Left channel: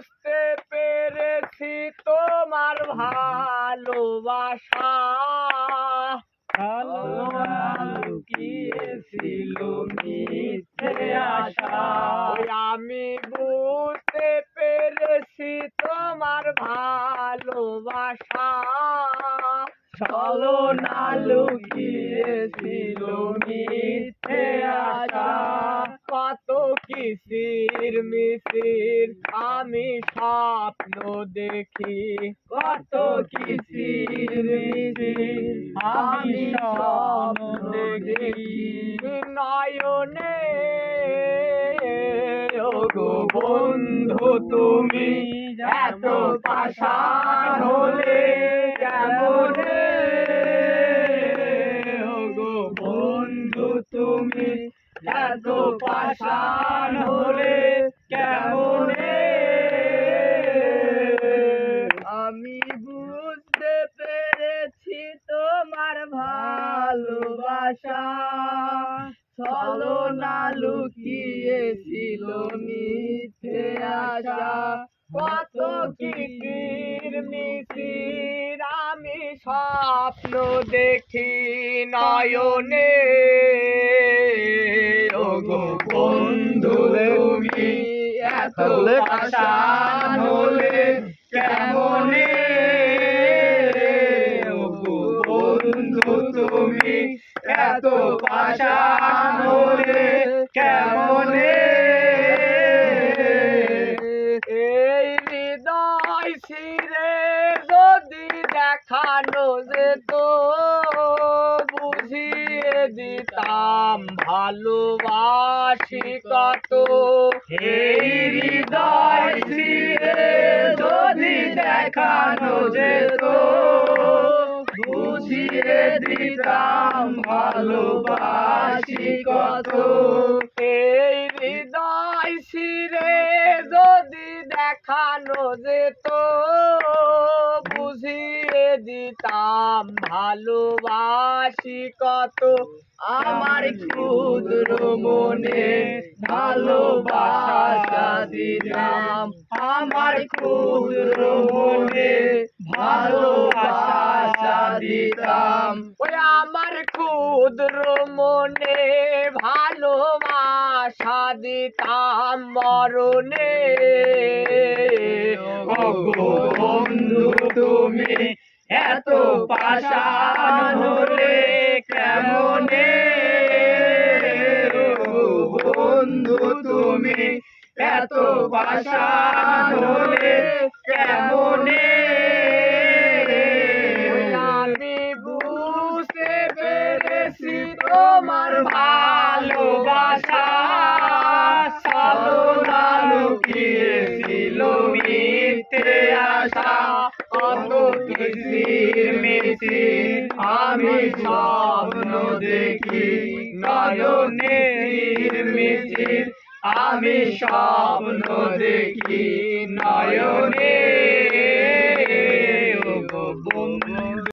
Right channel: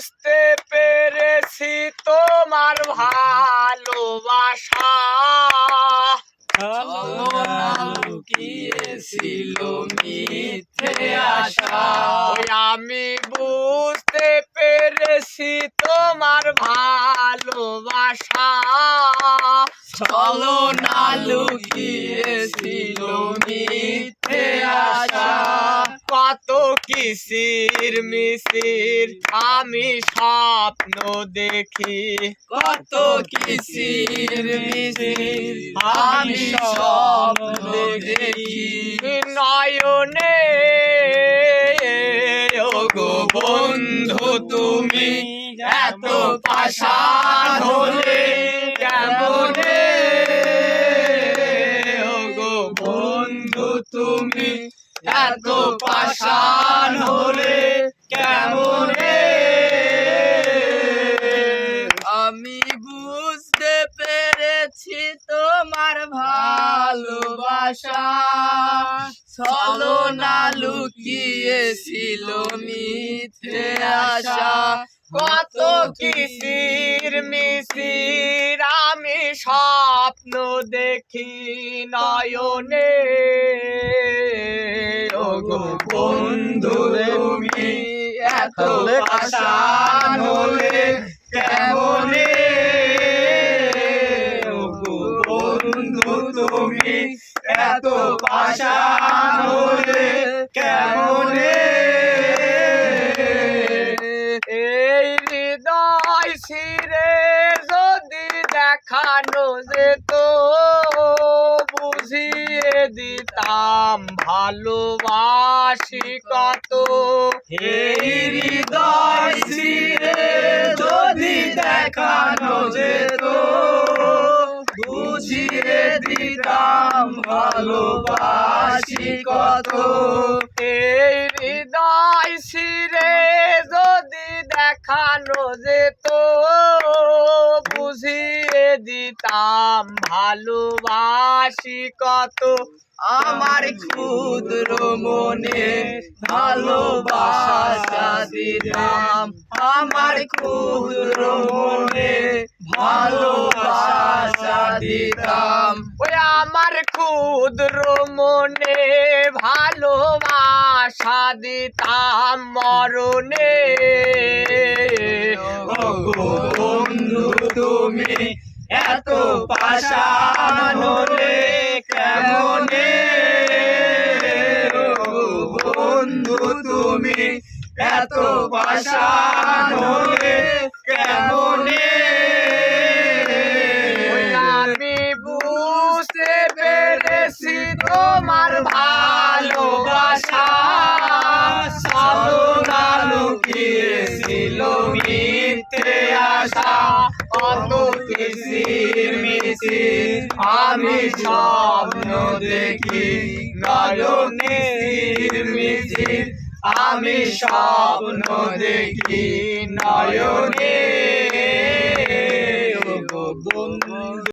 বুঝতে পেরেছি তোমার ভালোবাসা, লুকিয়েছিল মিথ্যে আশা। আমি বুঝতে পেরেছি তোমার ভালোবাসা, ছলনা লুকিয়েছিল মিথ্যে আশা। কত কিসির মিছির আমি স্বপ্ন দেখি, কত কিসির মিছির আমি স্বপ্ন দেখি। নয়নে ওগো বন্ধু তুমি এত পাষাণ হলে কেমনে, ওগো বন্ধু তুমি এত পাষাণ হলে কেমনে। আমি বুঝতে পেরেছি তোমার ভালোবাসা, ছলনা লুকিয়েছিল মিথ্যে আশা। কত কিসির মিছির আমি স্বপ্ন দেখি নয়নে, ওগো বন্ধু তুমি এত পাষাণ হলে কেমনে, ওগো বন্ধু তুমি এত পাষাণ হলে কেমনে। এই হৃদয় ছিঁড়ে যদি দেখানো যেত, বুঝিয়ে দিতাম ভালোবাসি কত। এই হৃদয় ছিঁড়ে যদি দেখানো যেত, বুঝিয়ে দিতাম ভালোবাসি কত। এই হৃদয় ছিঁড়ে যদি দেখানো যেত, বুঝিয়ে দিতাম ভালোবাসি কত। আমার ক্ষুদ্র মনে ভালোবাসা দিতাম, আমার ক্ষুদ্র মনে ভালোবাসা দিতাম। ওই আমার ক্ষুদ্র মনে ভালোবাসা দিতাম মরণে, ওগো বন্ধু তুমি এত পাষাণ হলে কেমনে, ওগো বন্ধু তুমি এত পাষাণ হলে কেমনে। আমি বুঝতে পেরেছি তোমার ভালোবাসা, ছলনা লুকিয়েছিল মিথ্যে আশা। কত কিসির মিছির আমি স্বপ্ন দেখি নয়নে, মিছির আমি স্বপ্ন দেখি নয়নে।